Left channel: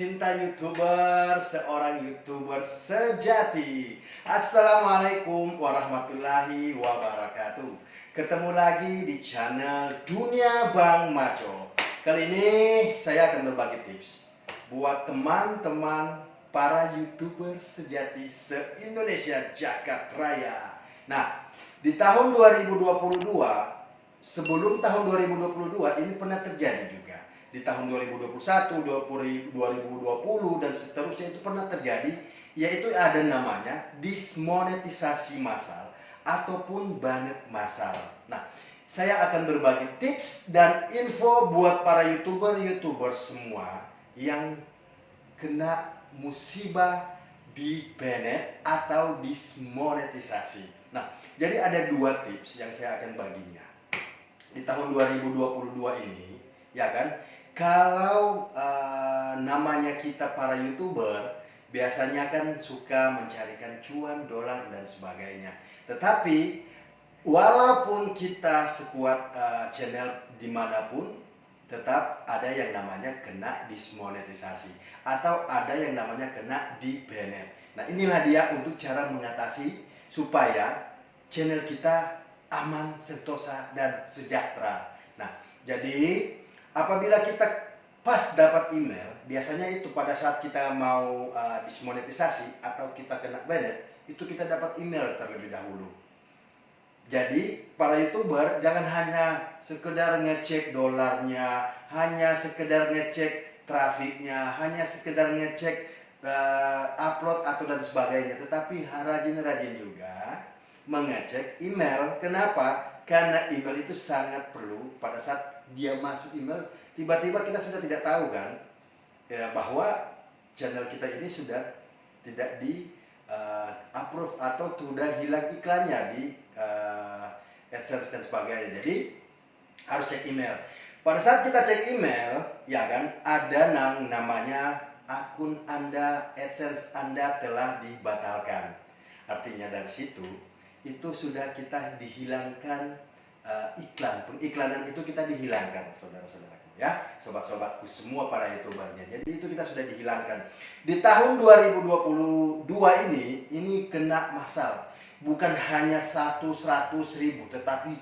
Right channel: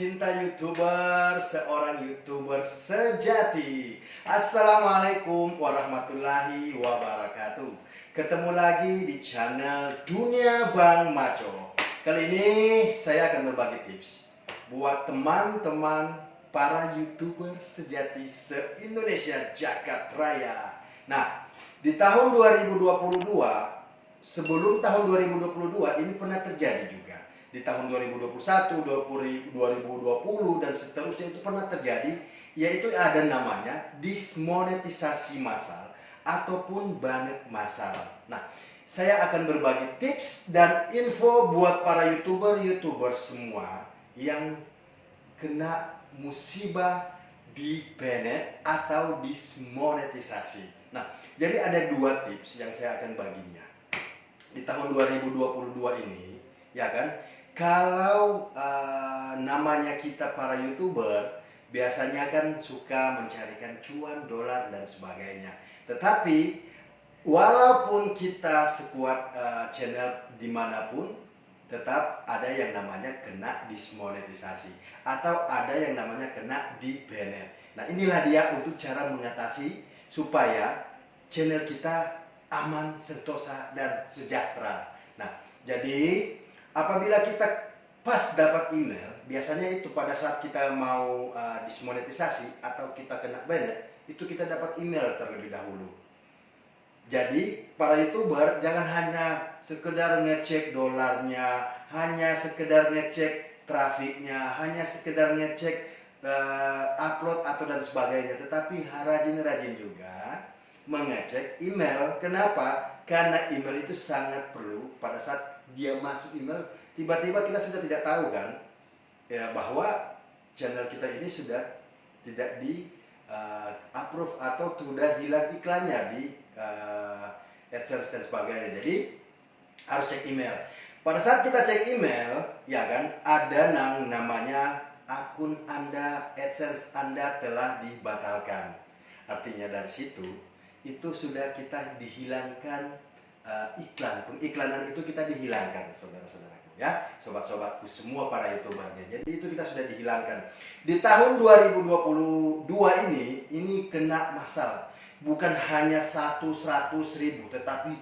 pecinta YouTuber, seorang YouTuber sejati. Assalamualaikum warahmatullahi wabarakatuh. Ketemu lagi di channel Dunia Bang Maco. Kali ini saya akan berbagi tips buat teman-teman para YouTuber sejati se-Indonesia Jagat Raya. Nah, di tahun 2022, sebelum tahun 2022 ini pernah terjadi juga. Di tahun 2021, 2020 dan seterusnya itu pernah terjadi, yaitu ada namanya dismonetisasi massal ataupun banet massal. Nah, saya akan berbagi tips dan info buat para YouTuber semua yang kena musibah di banet atau dismonetisasi. Nah, jadi ada dua tips yang saya akan baginya. Di tahun 2022 ini, ya kan, kalau namanya kita para YouTuber biasanya kan suka mencarikan cuan, dolar dan sebagainya. Tetapi walaupun kita sekuat channel dimanapun, tetap ada yang namanya kena dismonetisasi atau ada yang namanya kena di banet. Nah, inilah dia untuk cara mengatasi supaya channel kita aman, sentosa dan sejahtera. Nah, jadi apabila kita pas dapat email, biasanya itu pada saat kita mau dismonetisasi atau kita kena banet, itu kita dapat email terlebih dahulu. Jadi para YouTuber jangan hanya sekedar ngecek dolarnya, hanya sekedar ngecek trafiknya, hanya sekedar ngecek upload atau dan sebagainya, tetapi rajin-rajin juga mengecek email. Kenapa? Karena email itu sangat perlu. Pada saat dia masuk email, tiba-tiba kita sudah tidak tahu kan ya, bahwa channel kita ini sudah tidak di approve atau sudah hilang iklannya di AdSense dan sebagainya. Jadi harus cek email. Pada saat kita cek email, ya kan, ada namanya akun Anda, AdSense Anda telah dibatalkan. Artinya dari situ itu sudah kita dihilangkan pengiklanan itu kita dihilangkan, saudara-saudaraku ya, sobat-sobatku semua para YouTubernya. Jadi itu kita sudah dihilangkan. Di tahun 2022 ini kena massal. Bukan hanya 100 ribu, tetapi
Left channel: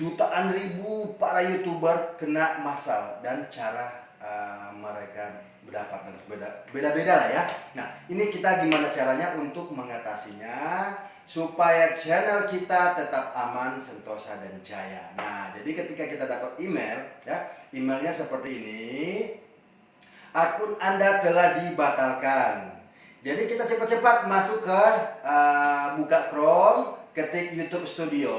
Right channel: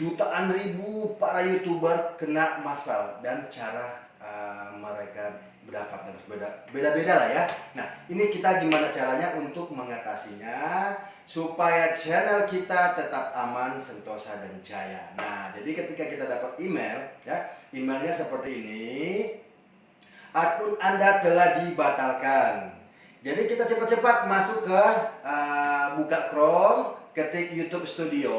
jutaan ribu para YouTuber kena massal, dan cara mereka mendapatkan beda-beda lah ya. Nah, ini kita gimana caranya untuk mengatasinya supaya channel kita tetap aman, sentosa dan jaya. Nah, jadi ketika kita dapat email ya, emailnya seperti ini, akun Anda telah dibatalkan. Jadi kita cepat-cepat masuk ke buka Chrome, ketik YouTube Studio.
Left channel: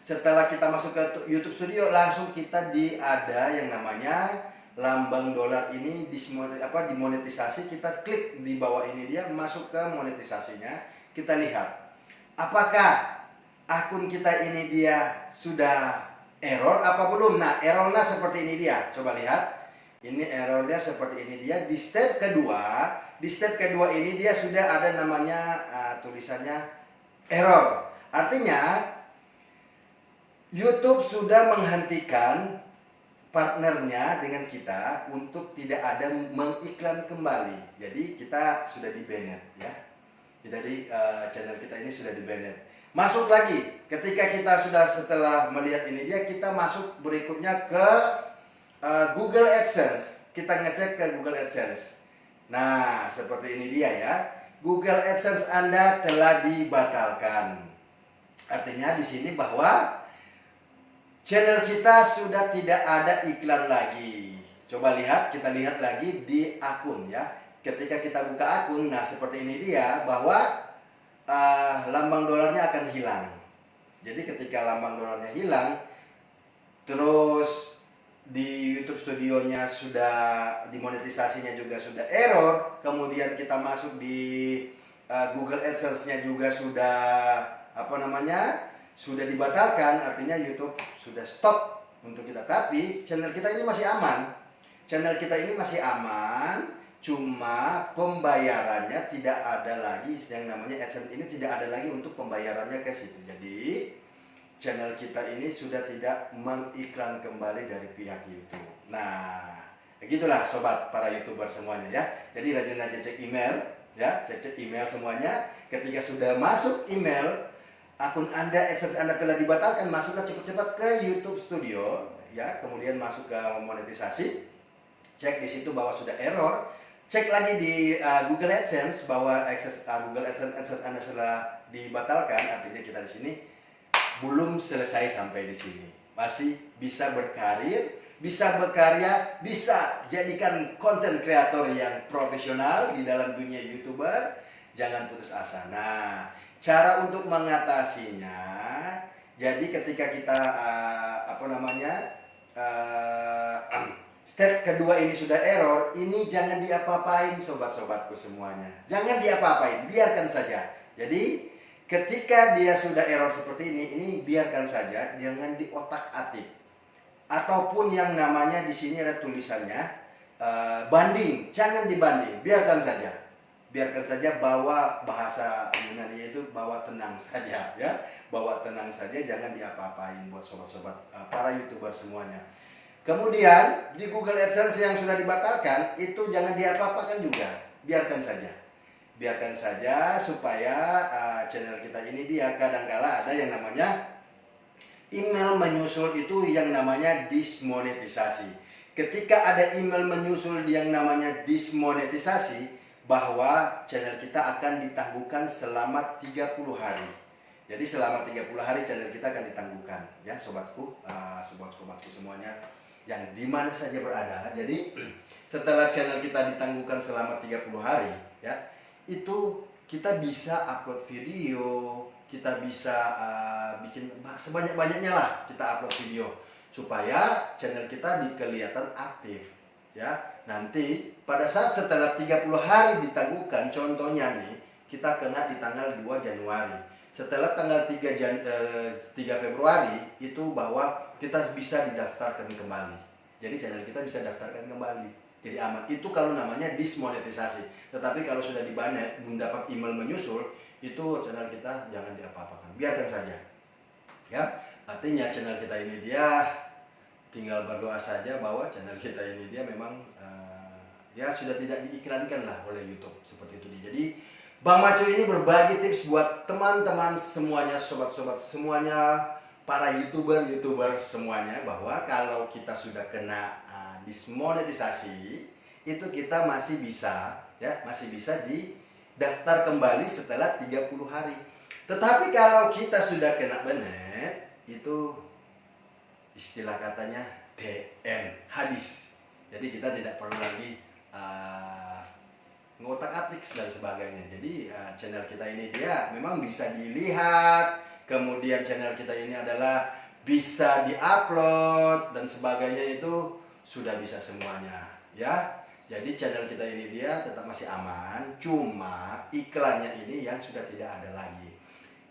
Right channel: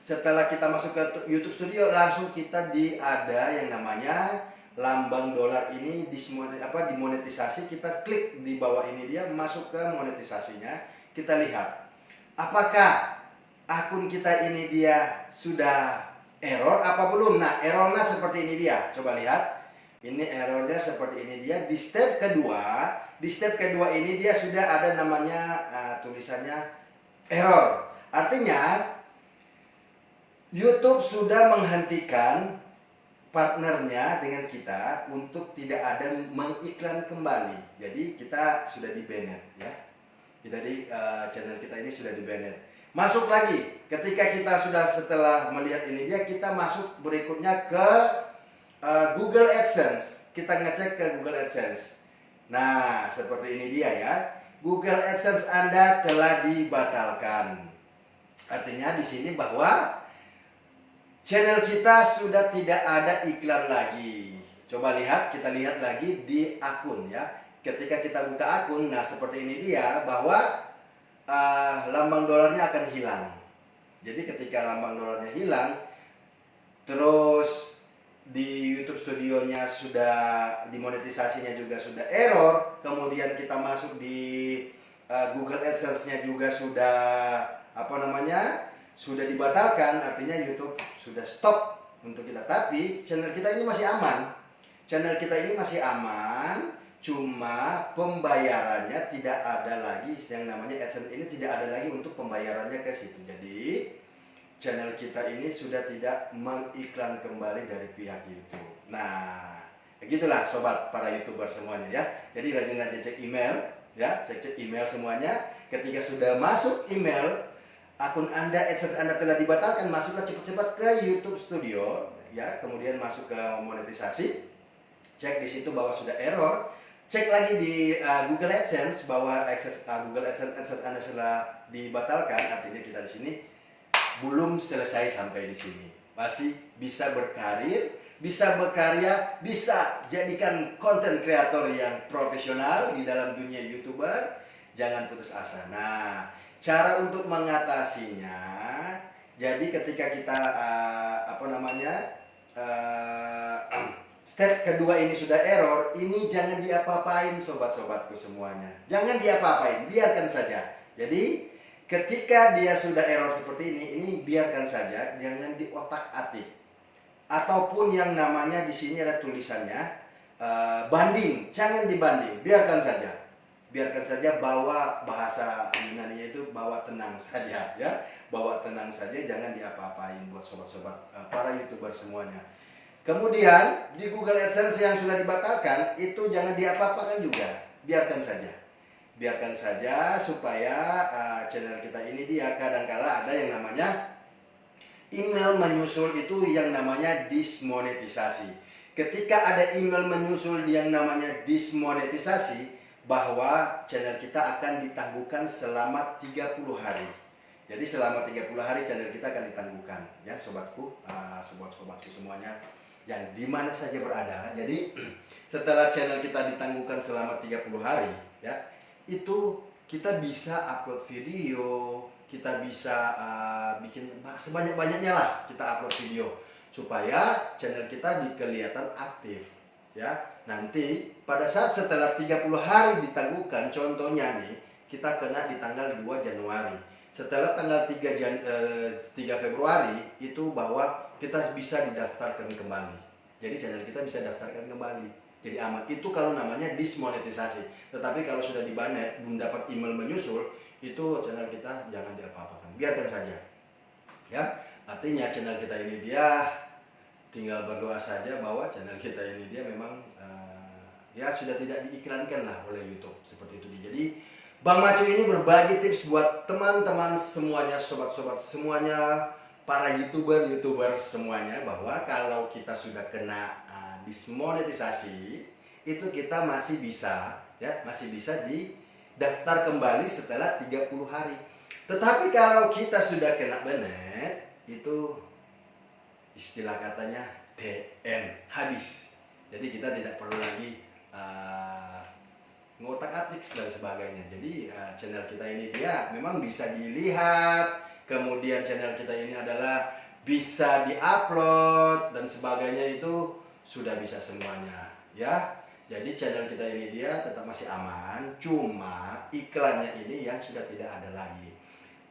Setelah kita masuk ke YouTube Studio, langsung kita ada yang namanya lambang dolar ini dimonetisasi. Kita klik di bawah ini, dia masuk ke monetisasinya. Kita lihat apakah akun kita ini dia sudah error apa belum. Nah, errornya seperti ini dia. Coba lihat. Ini errornya seperti ini dia. Di step kedua ini dia sudah ada namanya tulisannya error. Artinya YouTube sudah menghentikan partnernya dengan kita untuk tidak ada mengiklan kembali. Jadi kita sudah di banet ya. Jadi channel kita ini sudah di banet. Masuk lagi. Ketika kita sudah setelah melihat ini dia, kita masuk berikutnya ke Google AdSense. Kita ngecek ke Google AdSense. Nah, seperti ini dia ya. Google AdSense Anda telah dibatalkan. Artinya di sini bahwa channel kita sudah tidak ada iklan lagi. Coba lihat, kita lihat lagi di akun ya. Ketika kita buka akun, nah seperti ini dia, bahwa lambang dolarnya akan hilang. Jadi ketika lambang dolarnya hilang, terus di YouTube Studionya sudah dimonetisasinya juga sudah error, kemudian kita masuk di Google AdSense-nya juga sudah sudah dibatalkan, artinya YouTube sudah stop untuk kita. Tapi channel kita ini masih aman. Channel kita ini masih aman, cuma pembayarannya tidak ada lagi, yang namanya AdSense ini tidak ada lagi untuk pembayarannya ke situ. Jadi channel kita ini sudah tidak mengiklan kembali dari pihak YouTube. Nah, Begitulah sobat para YouTuber semuanya ya. Jadi rajin-rajin cek email ya, cek email semuanya. Ketika sudah masuk email, akun Anda, AdSense Anda telah dibatalkan, masuklah cepat-cepat ke YouTube Studio ya, kemudian masuk ke monetisasi. Cek di situ bahwa sudah error. Cek lagi di Google AdSense bahwa Google AdSense Anda sudah dibatalkan, artinya kita di sini belum selesai sampai di sini. Masih bisa berkarir, bisa berkarya, bisa jadikan konten kreator yang profesional di dalam dunia YouTuber. Jangan putus asa. Nah, cara untuk mengatasinya, jadi ketika kita step kedua ini sudah error, ini jangan diapa-apain sobat-sobatku semuanya. Jangan diapa-apain, biarkan saja. Jadi ketika dia sudah error seperti ini biarkan saja, jangan diotak-atik. Ataupun yang namanya di sini ada tulisannya banding, jangan dibanding, biarkan saja. Biarkan saja, bawa bahasa Yunani itu bawa tenang saja ya. Bawa tenang saja, jangan diapa-apain buat sobat-sobat para YouTuber semuanya. Kemudian di Google AdSense yang sudah dibatalkan itu jangan diapa-apakan juga, biarkan saja. Biarkan saja supaya channel kita ini dia kadangkala ada yang namanya email menyusul, itu yang namanya dismonetisasi. Ketika ada email menyusul yang namanya dismonetisasi, bahwa channel kita akan ditangguhkan selama 30 hari. Jadi selama 30 hari channel kita akan ditangguhkan ya sobatku, sobat-sobatku semuanya yang dimana saja berada. Jadi setelah channel kita ditangguhkan selama 30 hari ya, itu kita bisa upload video, kita bisa bikin sebanyak-banyaknya lah, kita upload video supaya channel kita kelihatan aktif ya. Nanti pada saat setelah 30 hari ditangguhkan, contohnya nih kita kena di tanggal 2 Januari. Setelah tanggal 3 Februari itu bahwa kita bisa didaftarkan kembali. Jadi channel kita bisa daftarkan kembali. Jadi aman. Itu kalau namanya dismonetisasi. Tetapi kalau sudah dibanet, belum dapat email menyusul, itu channel kita jangan diapa-apakan. Biarkan saja. Ya, artinya channel kita ini dia tinggal berdoa saja bahwa channel kita ini dia memang ya sudah tidak diiklankan lah oleh YouTube seperti itu. Jadi Bang Macu ini berbagi tips buat teman-teman semuanya, sobat-sobat semuanya, para YouTuber semuanya, bahwa kalau kita sudah kena dismonetisasi, itu kita masih bisa ya, masih bisa didaftar kembali setelah 30 hari. Tetapi kalau kita sudah kena banet, itu istilah katanya DN, habis. Jadi kita tidak perlu lagi ngotak-atik dan sebagainya. Jadi channel kita ini dia memang bisa dilihat, kemudian channel kita ini adalah bisa diupload dan sebagainya, itu sudah bisa semuanya ya. Jadi channel kita ini dia tetap masih aman, cuma iklannya ini yang sudah tidak ada lagi.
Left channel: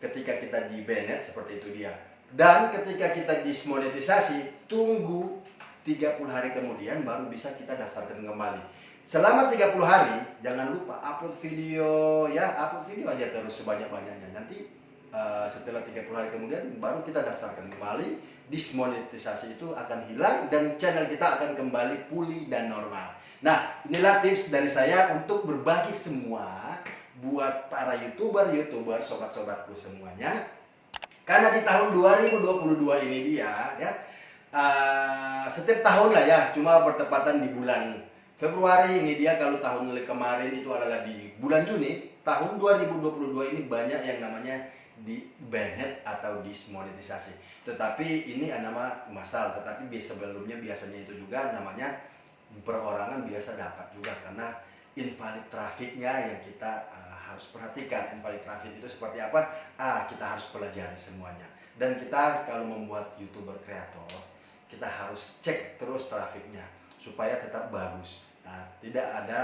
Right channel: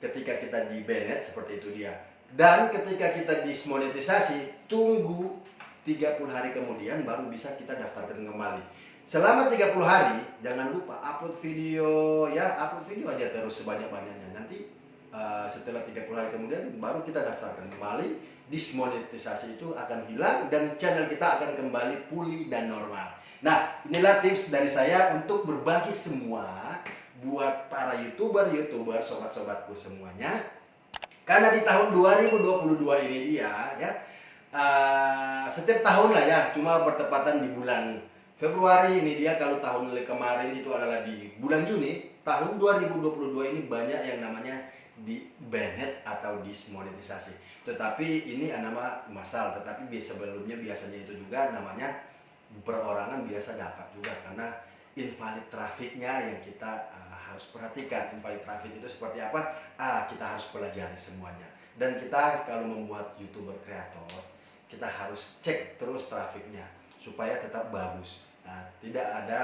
Ketika kita di banned seperti itu dia. Dan ketika kita dismonetisasi, tunggu 30 hari kemudian baru bisa kita daftarkan kembali. Selama 30 hari jangan lupa upload video ya, upload video aja terus sebanyak-banyaknya. Nanti setelah 30 hari kemudian baru kita daftarkan kembali, dismonetisasi itu akan hilang dan channel kita akan kembali pulih dan normal. Nah, inilah tips dari saya untuk berbagi semua buat para YouTuber sobat-sobatku semuanya. Karena di tahun 2022 ini dia ya, setiap tahun lah ya, cuma bertepatan di bulan Februari ini dia. Kalau tahun kemarin itu adalah di bulan Juni, tahun 2022 ini banyak yang namanya di banned atau dismonetisasi. Tetapi ini nama masal, tetapi sebelumnya biasanya itu juga namanya perorangan biasa dapat juga, karena invalid trafficnya yang kita harus perhatikan. Invalid traffic itu seperti apa? Kita harus pelajari semuanya. Dan kita kalau membuat YouTuber kreator, kita harus cek terus trafficnya supaya tetap bagus. Nah, tidak ada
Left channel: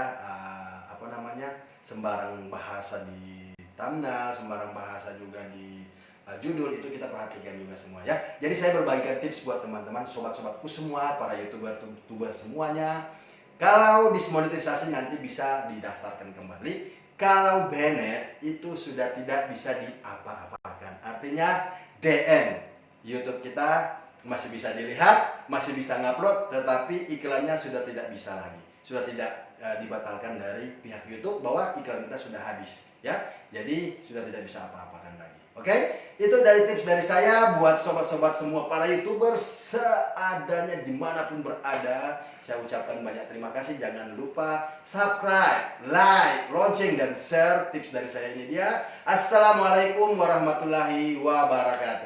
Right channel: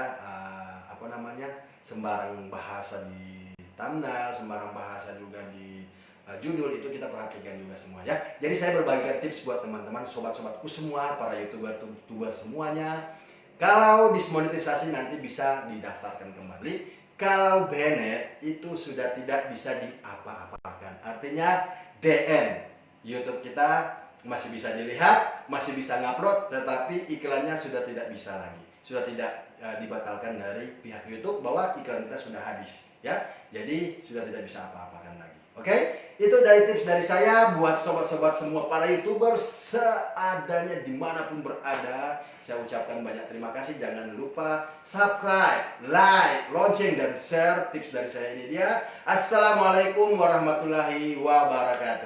sembarang bahasa di thumbnail, sembarang bahasa juga di judul, itu kita perhatikan juga semua ya. Jadi saya berbagikan tips buat teman-teman, sobat-sobatku semua, para YouTuber semuanya. Kalau dismonetisasi nanti bisa didaftarkan kembali. Kalau banned itu sudah tidak bisa diapa-apakan. Artinya DN, YouTube kita masih bisa dilihat, masih bisa ngupload, tetapi iklannya sudah tidak bisa lagi, sudah tidak dibatalkan dari pihak YouTube bahwa iklan kita sudah habis, ya. Jadi sudah tidak bisa apa-apakan lagi. Oke, itu dari tips dari saya buat sobat-sobat semua para YouTuber seadanya dimanapun berada. Saya ucapkan banyak terima kasih. Jangan lupa subscribe, like, lonceng, dan share tips dari saya ini dia. Assalamualaikum warahmatullahi wabarakatuh.